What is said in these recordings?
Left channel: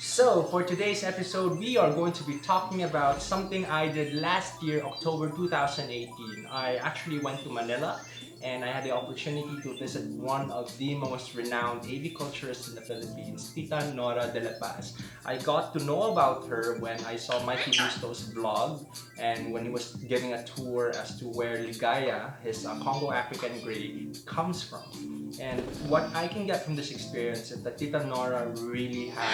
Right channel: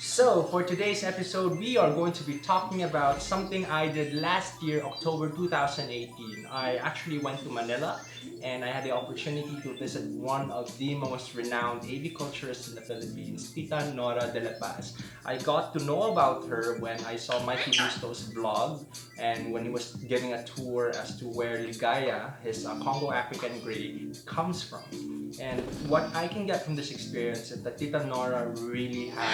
So, for today's episode, we are going to be talking about something I did last year, October 2018. I actually went to Manila and I had the opportunity to visit one of the most renowned aviculturists in the Philippines, Tita Nora de la Paz. I got to know about her when I saw Mikey Bustos' vlog and when he was giving a tour as to where Ligaya, his Congo African grey, comes from. And what I can get from this experience is that Tita Nora really has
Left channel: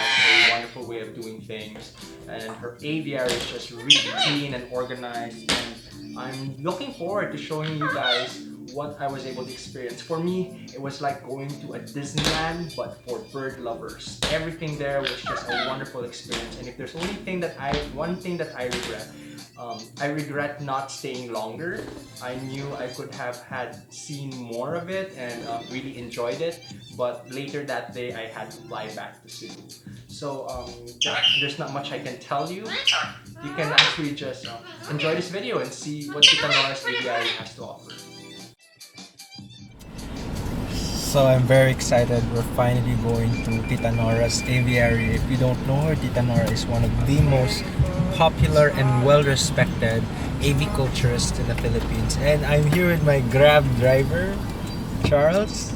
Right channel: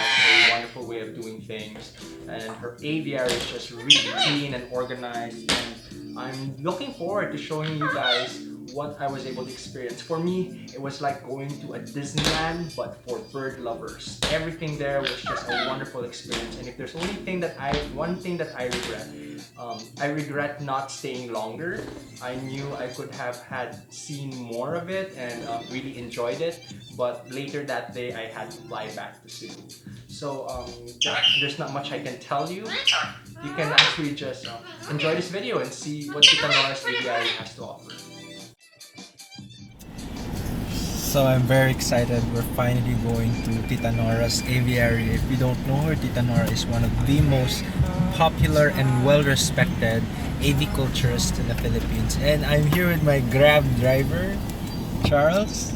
a wonderful way of doing things, and her aviary is just really clean and organized. And I'm looking forward to showing you guys what I was able to experience. For me, it was like going to a Disneyland, but for bird lovers. Everything there was just a wonderful experience. And if there's one thing that I regret not staying longer. I knew I could have had seen more of it and really enjoyed it, but later that day I had to fly back to Cebu. So there's not much I can tell you. You can actually just enjoy this video and see what Tita Nora's Aviary has to offer. So I'm very excited. We're finally going to Tita Nora's Aviary. If you don't know her, Tita Nora is one of the most popular and well-respected aviculturists in the Philippines. And I'm here with my Grab driver, Charles.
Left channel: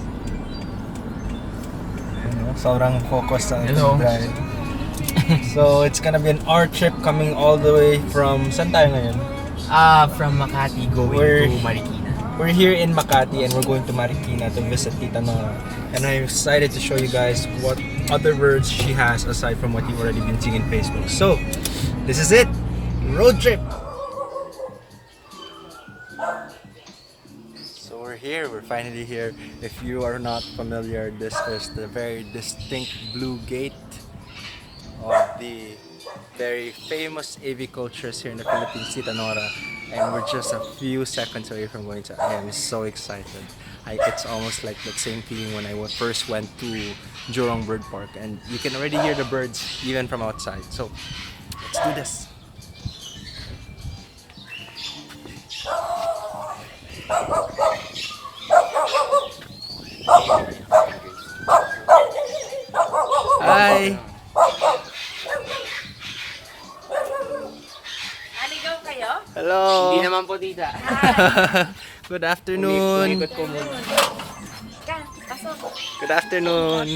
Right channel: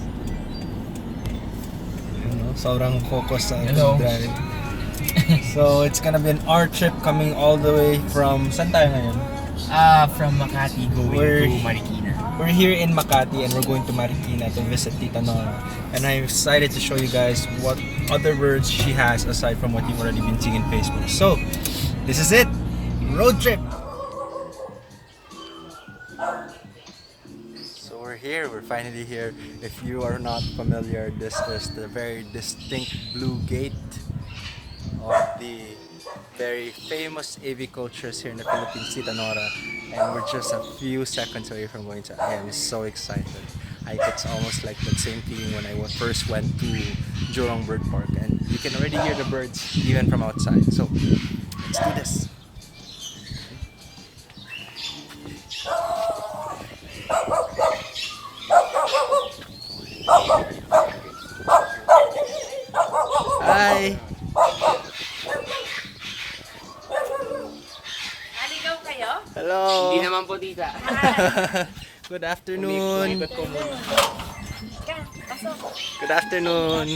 Sobrang focus sa ating drive. So it's gonna be an hour trip coming all the way from... Saan tayo ngayon? From Makati going to Marikina. We're here in Makati and we're going to Marikina to visit Tita Nora. And I'm excited to show you guys what other birds she has aside from what you've already been seeing in Facebook. So, this is it! Road trip! So we're here, we're finally here. If you are not familiar, this is the very distinct blue gate of the very famous aviculturist here in the Philippines, Tita Nora. And we're just a few seconds away from going to. I am so excited. It's almost like that same feeling when I first went to Jurong Bird Park, and you can already hear the birds even from outside. So let's do this. Hi! Naligaw kayo? Hello! Hindi naman po, tita. Good afternoon! Good afternoon!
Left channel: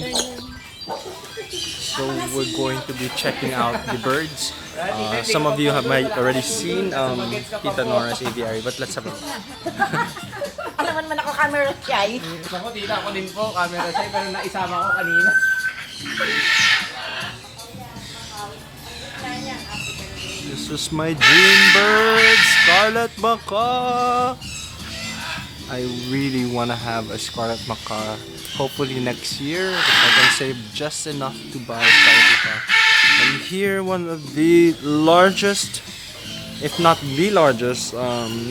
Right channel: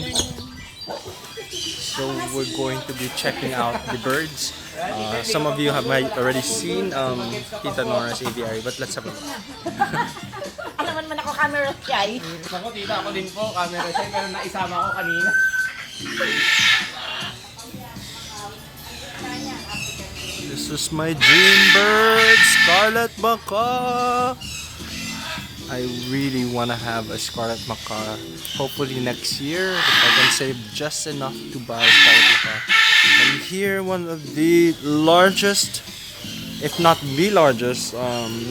So we're going to be checking out the birds. Some of you might already seen Tita Nora's Aviary, but let's have a look. Alam mo naman ako camera shy. Ako, tita, ako din po. Camera siya, pero naisama ko kanina. This is my dream bird, Scarlet Macaw. I really want to have a Scarlet Macaw. Hopefully next year, if I can save just enough to buy a Scarlet Macaw. And here, one of the largest, if not the largest,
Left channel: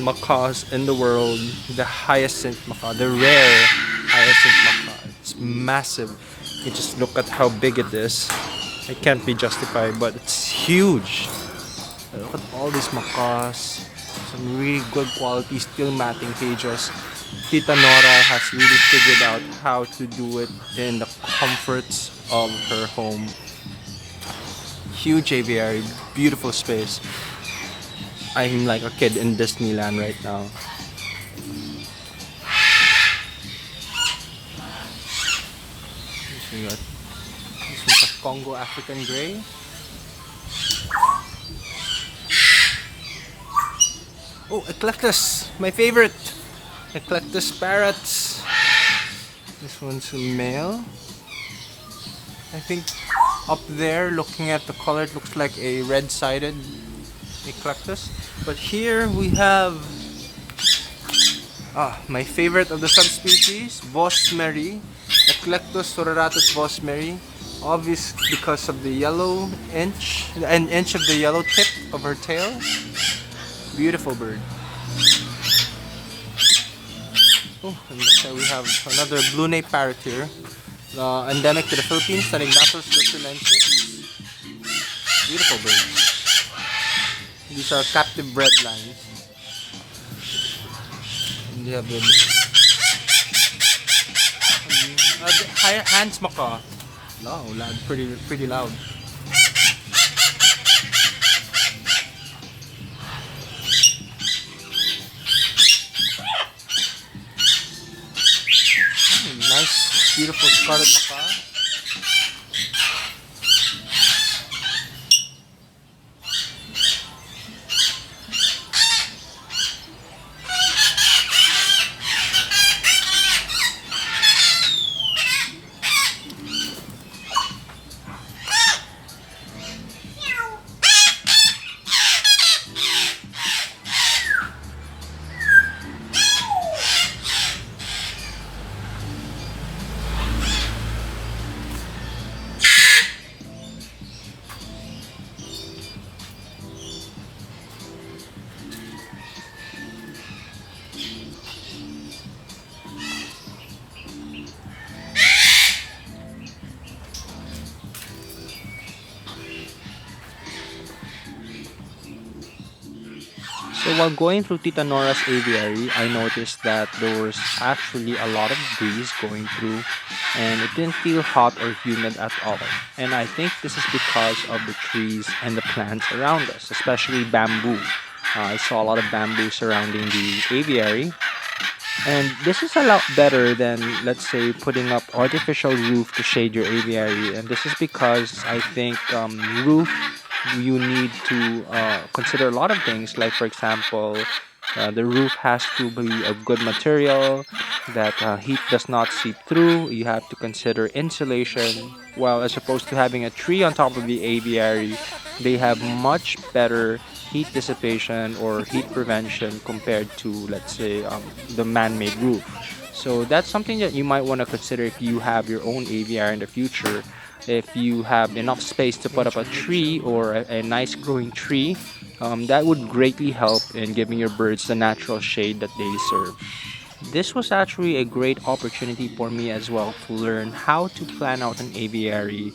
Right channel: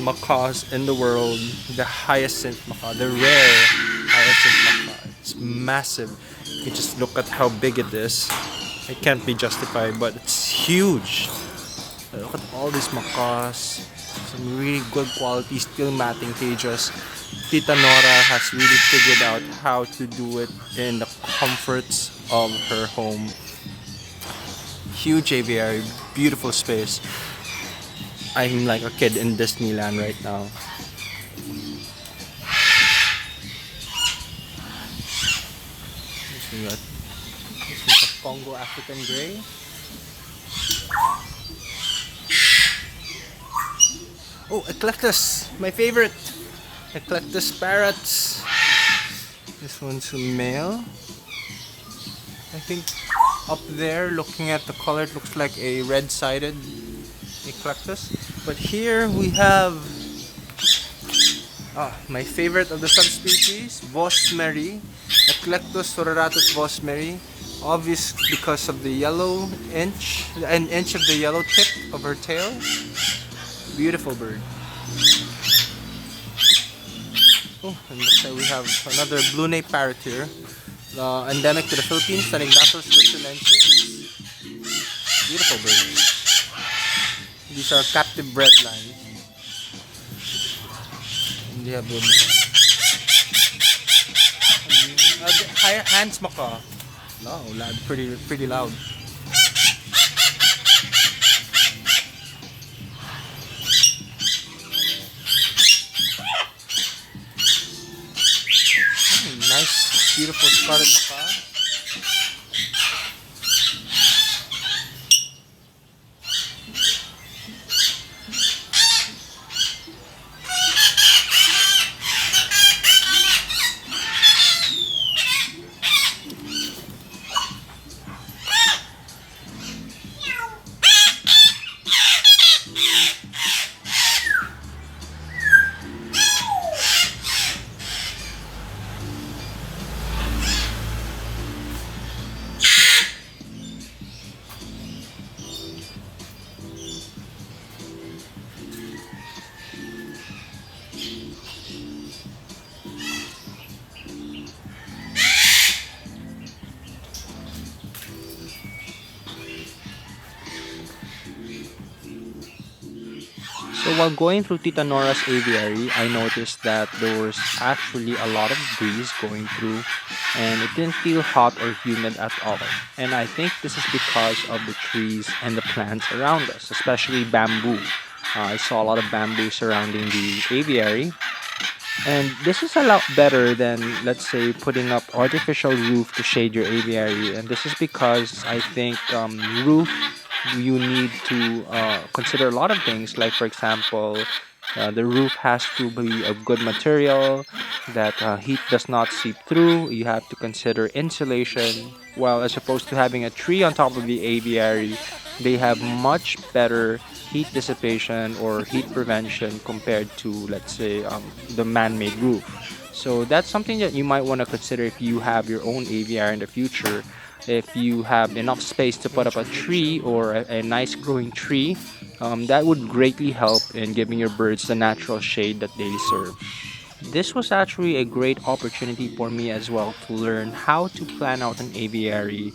macaws in the world, the hyacinth macaw, the rare hyacinth macaw. It's massive. You just look at how big it is. It can't be justified, but it's huge. Look at all these macaws. Some really good quality steel matting cages. Tita Nora has really figured out how to do it in the comforts of her home. Huge aviary, beautiful space. I'm like a kid in Disneyland right now. We got this is a Congo African grey. Oh, Eclectus, my favorite. Eclectus parrots. This one's a male. I think up there, looking at the color, it looks like a red-sided Eclectus. But here we have my favorite of the subspecies, Vosmeri, Eclectus soreratus vosmeri. Obvious because of the yellow inch, an inch of the yellow tip of her tail. Beautiful bird. Oh, and looks like we have another blue nape parrot here, endemic to the Philippines, studying Bacillus thuringiensis. Beautiful bird. These are captive bred lines. And they have the hands maka. No, loud, pretty loud. Nice, beautiful scarlet maka. So while going through Tita Nora's aviary, I noticed that there was actually a lot of breeze going through and it didn't feel hot or humid at all. And I think this is because of the trees and the plants around us, especially bamboo. I saw a lot of bamboo surrounding the aviary, and this is a lot better than, let's say, putting up artificial roof to shade your aviary. And this is because I think roof, you need to consider a lot of things. Like for example, the roof has to be of good material that heat does not seep through. You have to consider insulation. Well, as opposed to having a tree on top of the aviary, they have much better heat dissipation or heat prevention compared to, let's say, the man-made roof. So that's something that you might want to consider if you have your own aviary in the future. If you have enough space to put up a tree or a nice growing tree, that would greatly help in giving your birds the natural shade that they deserve. This was actually a great opportunity for me as well to learn how to plan out an aviary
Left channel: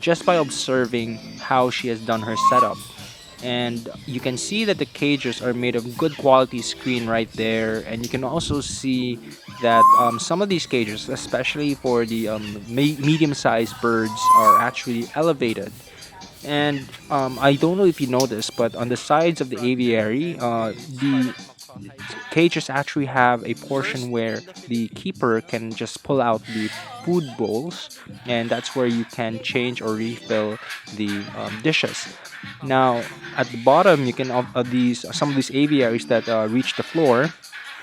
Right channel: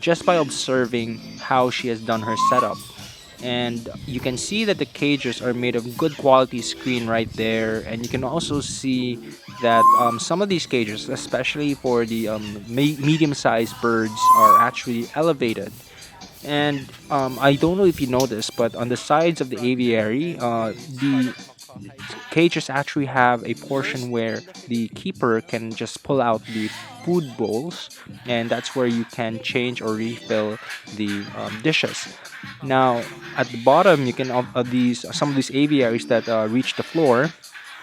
just by observing how she has done her setup. And you can see that the cages are made of good quality screen right there, and you can also see that some of these cages, especially for the medium-sized birds, are actually elevated. And I don't know if you know this, but on the sides of the aviary, the cages actually have a portion where the keeper can just pull out the food bowls, and that's where you can change or refill the dishes. Now, at the bottom, you can of these some of these aviaries that reach the floor.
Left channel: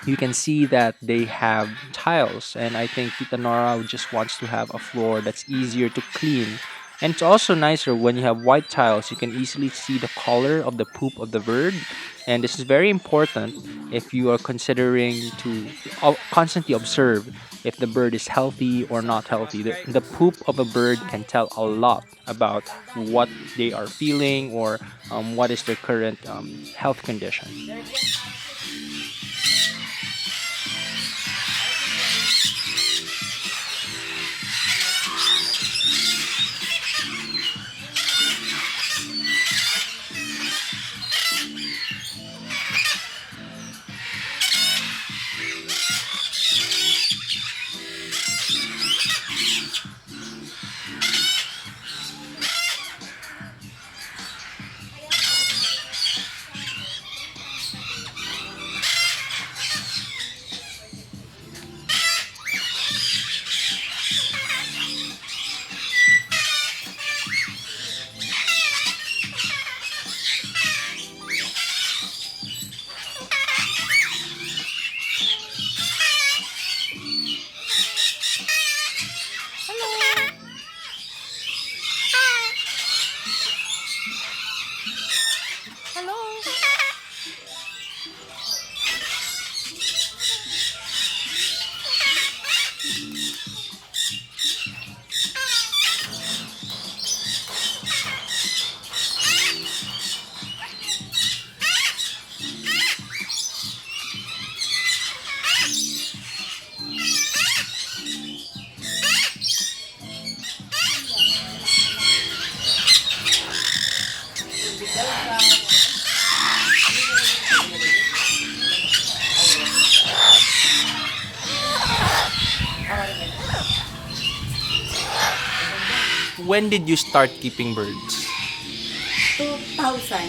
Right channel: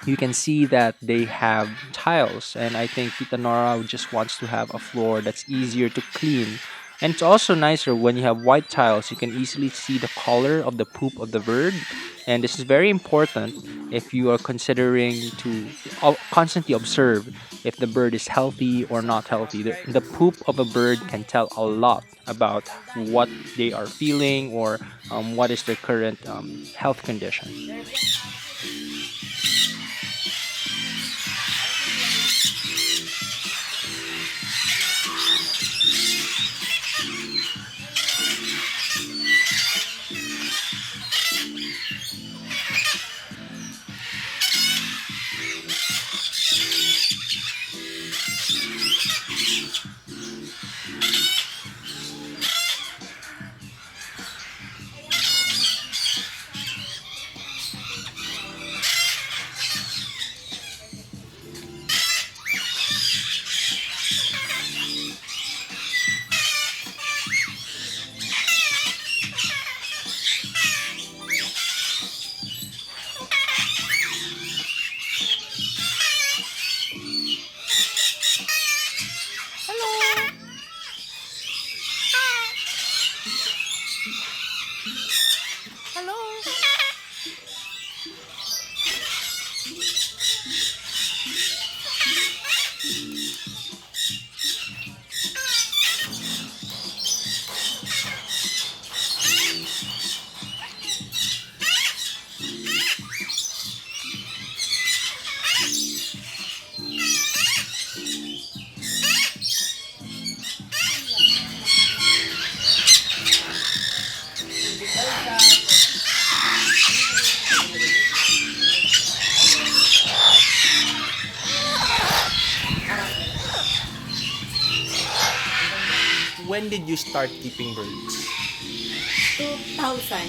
You can see that they have tiles, and I think Tita Nora just wants to have a floor that's easier to clean. And it's also nicer when you have white tiles, you can easily see the color of the poop of the bird. And this is very important if you are considering to constantly observe if the bird is healthy or not healthy. The poop of a bird can tell a lot about what they are feeling or what is their current health condition. when did you start keeping birds?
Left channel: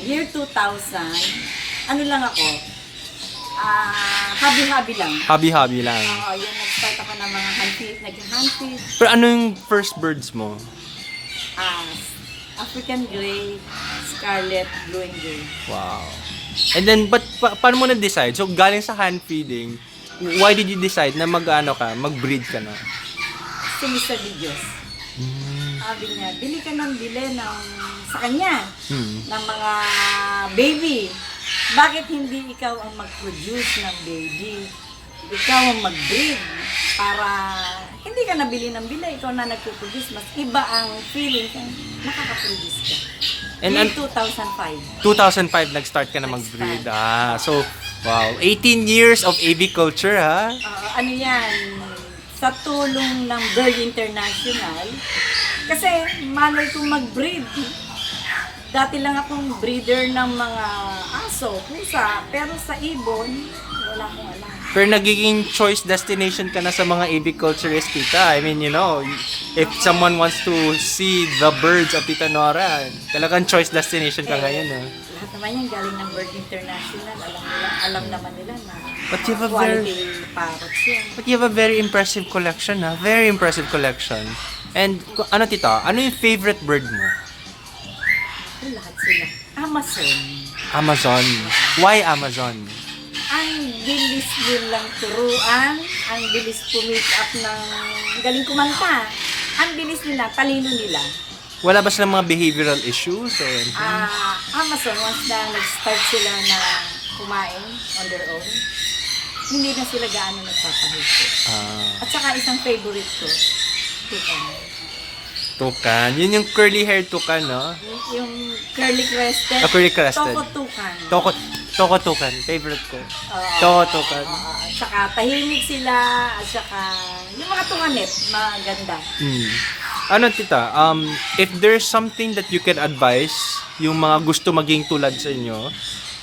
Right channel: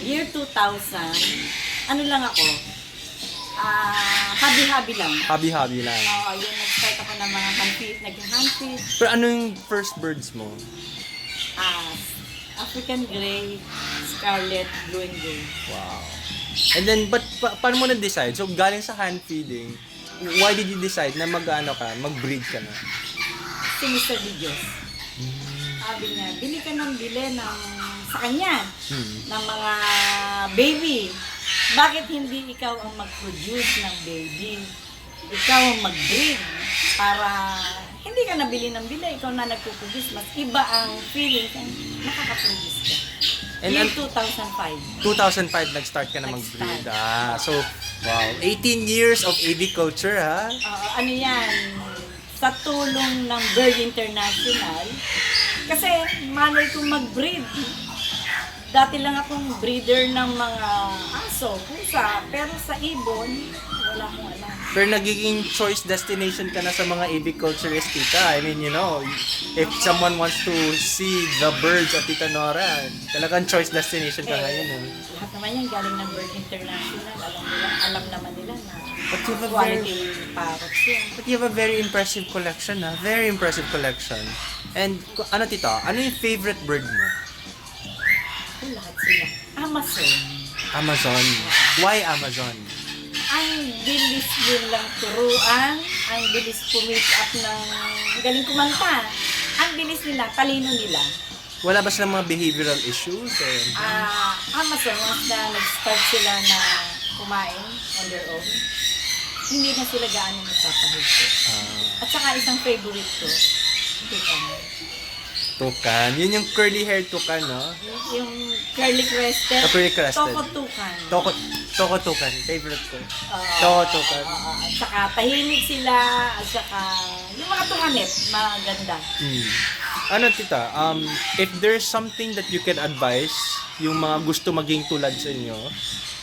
year 2000, ano lang ako, hobby-hobby lang. Hobby-hobby lang. Oo, yun, nag-start ako ng mga naging-handfeed, Pero ano yung first birds mo? African Grey, Scarlet, Blue and Gold. Wow. And then, paano mo na-decide? So, galing sa hand feeding, why did you decide na mag-breed ka na? Si Mr. Dios. Sabi niya, bili ka ng sa kanya, ng mga baby. Bakit hindi ikaw ang mag-produce ng baby? Ikaw ang mag-breed para hindi ka nabili ng bili, ikaw na nagpo-produce. Mas iba ang feeling kung nakaka-produce ka. Year 2005. 2005 nag-start ka na mag-breed. So, wow. 18 years of aviculture, ha? Ano yan, sa tulong ng Bird International, kasi manual kong mag-breed. Dati lang akong breeder ng mga aso, pusa, pero sa ibon, wala akong alam. Pero nagiging choice destination ka na sa mga aviculturist, tita. I mean, if someone wants to see the birds at Tita Nora, talagang choice destination ka ngayon, eh. Lahat naman yan galing ng Bird International. Alam naman nila na But you have a quality parrots yan. But you have a very impressive collection, ha? Very impressive collection. And, tita, ano yung favorite bird mo? Lahat sila. Amazon. Amazon. Why Amazon? Ang bilis nilang turuan, ang bilis pumeak up ng galing kumanta. Ang bilis nila, talino nila. Wala ba silang mga behavioral issues? Or Amazon, once na nag-start sila na kumain on their own, hindi na sila gaano nagpapahito. At saka isang favorite ko, tukan. Yun yung curly hair tukan, no? yung curly crested, Curly crested. tokotukan. Toko tukan. Favorite ko. Toko tukan. At saka tahimik sila, at saka yung mga tukanit, maganda. Ano, tita? If there's something that you can advise yung mga gusto maging tulad sa inyo,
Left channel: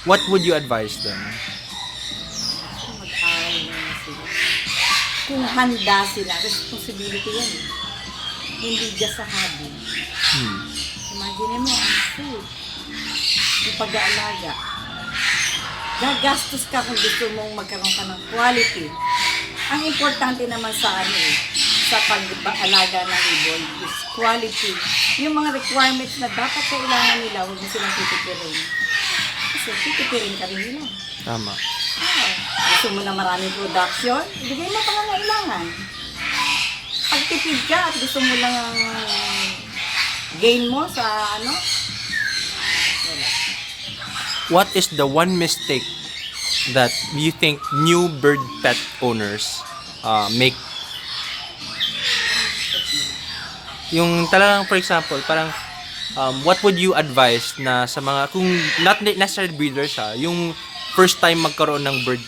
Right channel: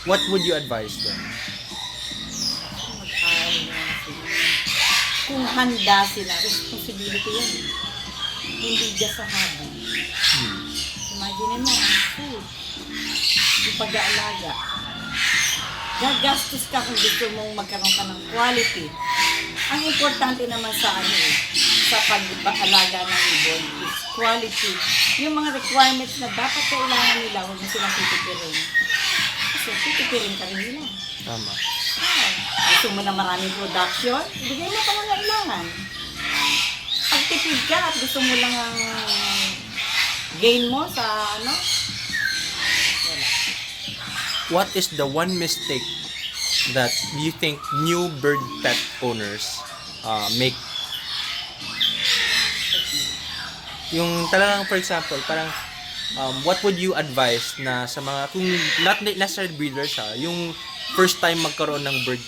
what would you advise them? Mag-aaral na sila. Kung handa sila, responsibility yan. Hindi just sa hobby. Imagine mo, ang food, yung pag-aalaga. Gagastos ka kung gusto mong magkaroon ka ng quality. Ang importante naman sa sa pag-aalaga ng ibon is quality. Yung mga requirements na dapat kailangan nila, huwag mo silang titipirin. Kasi titipirin ka rin nila. Tama. Gusto mo na maraming production, ibigay mo pangangailangan. Pag tipid ka at gusto mo lang ang gain mo sa wala. What is the one mistake that you think new bird pet owners make? Yung talagang, for example, parang what would you advise na sa mga, kung not necessarily breeders, yung first time magkaroon ng bird,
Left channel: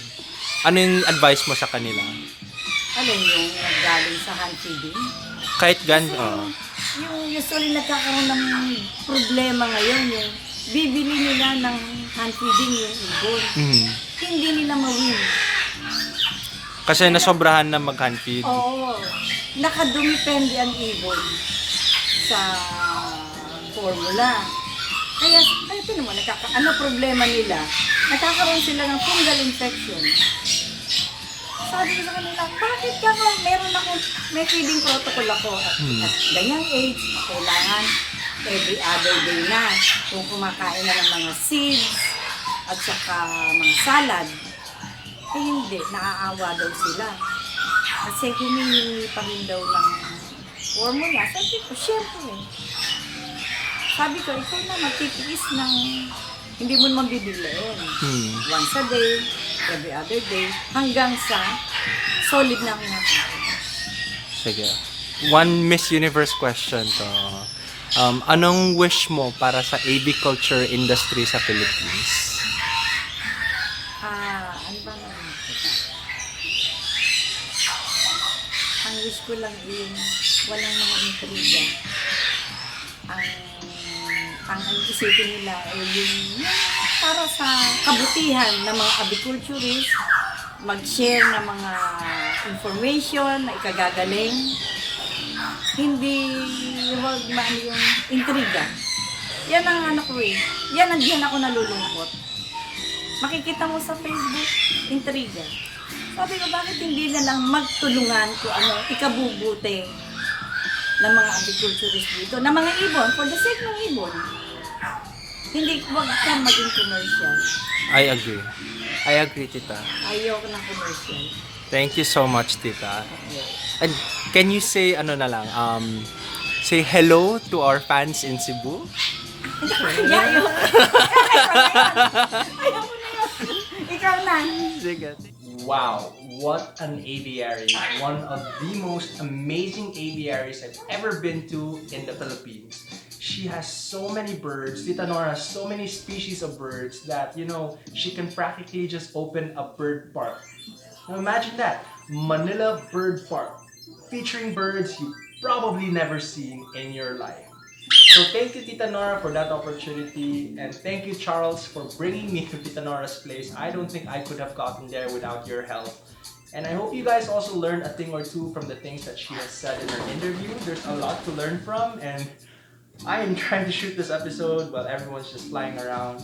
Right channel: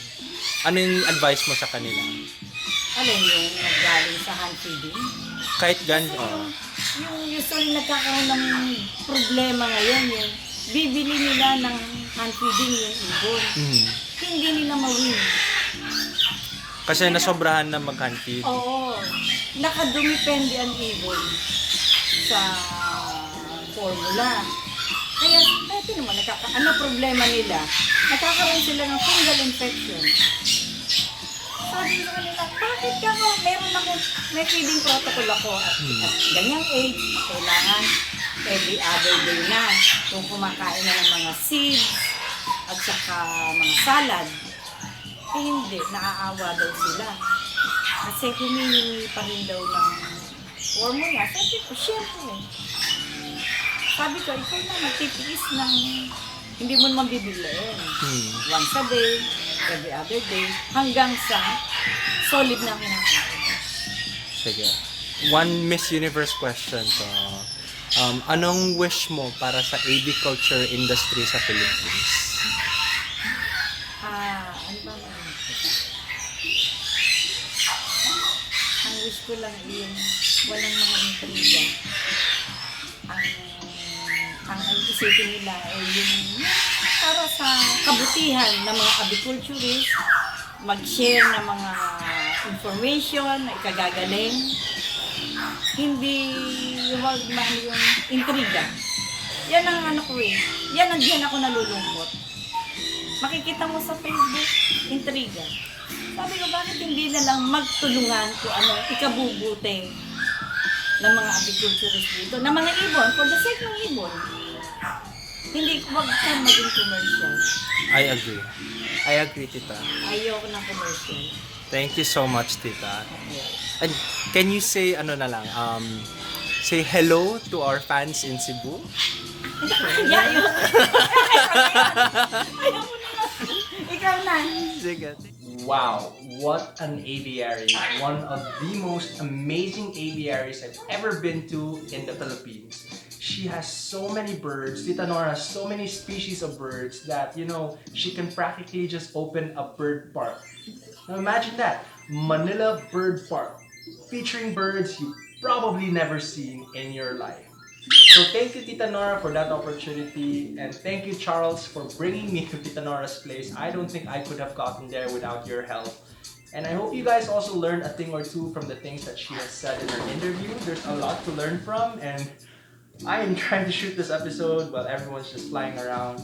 ano yung advice mo sa kanila? Ano yung naggaling sa hand feeding? Kahit Yung usually nagkakaroon ng problema ngayon, yung bibili nila ng hand feeding yung ibon. Hindi nila ma-win. Kasi nasobrahan na mag-hand feed. Oo. Nakadumipende ang ibon sa formula. Kaya, ito naman, ano problema nila? Nagkakaroon sila ng fungal infection. Sabi ko sa kanila, bakit ka mo? May feeding protocol ako. At ganyang age, kailangan every other day na. Kung kumakain na ng mga seeds at saka mga salad, hindi, naaawa daw sila. Kasi humihingi pa rin daw ng formula. Sabi ko, syempre. Sabi ko, ikaw na magtitiis ng hindi mo naman bibiliin. Once a day, every other day, hanggang sa solid na kinakain. Sige. One Miss Universe question to. Anong wish mo para sa aviculture industry sa Philippines? Ano ba naman? Ang wish ko lang yung walang mga intriga. Ang isipin nila ay yung para sa kabutihan ng mga aviculturists, mag-share ng mga information na ikagagaling hindi wag man yung intriga. Yan ang ano ko eh. Yan ang diyan ako nalulungkot. Makikita mo sa Facebook, intriga. Sabi ko, bakit hindi na lang magtulungan kung ano, ikabubuti ng mga aviculturist dito, ng mga ibon, for the sake ng ibon. Hindi, wag kang maging commercial. I agree, tita. Ayoko ng commercial. Thank you so much, tita. And can you say say hello to our fans in Cebu? Ayaw. Ayaw mo na yun. Ikaw na. Sige. Wow, what an aviary. One of the most amazing aviaries I've ever been to in the Philippines. She has so many birds. Tita Nora has so many species of birds that, you know, she can practically just open a bird park. Now imagine that, Manila Bird Park, featuring birds you've probably never seen in your life. So thank you, Tita Nora, for that opportunity, and thank you, Charles, for bringing me to Tita Nora's place. I don't think I could have gotten there without your help. And I hope you guys also learned a thing or two from the things that she has said in her interview. There's a lot to learn from, and I am trying to shoot this episode while everyone's just flying around.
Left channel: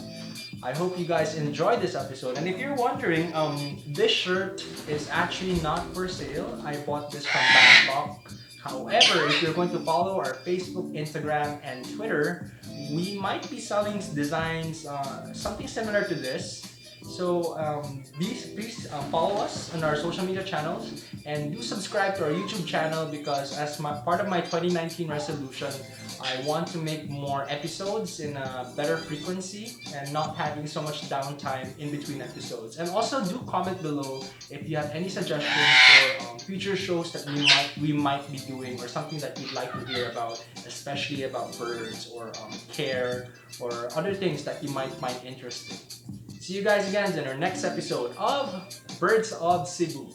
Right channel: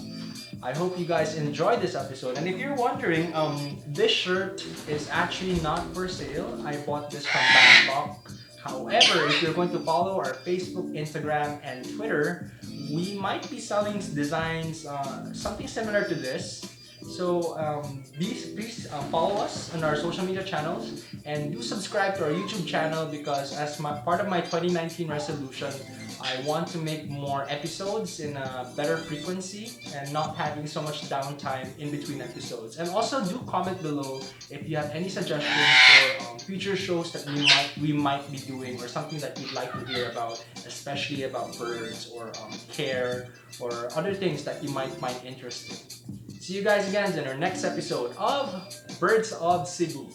I hope you guys enjoyed this episode. And if you're wondering, this shirt is actually not for sale. I bought this from Bangkok. However, if you're going to follow our Facebook, Instagram, and Twitter, we might be selling designs, something similar to this. So please follow us on our social media channels and do subscribe to our YouTube channel, because as part of my 2019 resolution, I want to make more episodes in a better frequency and not having so much downtime in between episodes. And also do comment below if you have any suggestions for future shows that we might be doing, or something that you'd like to hear about, especially about birds or care or other things that you might find interesting. See you guys again in our next episode of Birds of Cebu.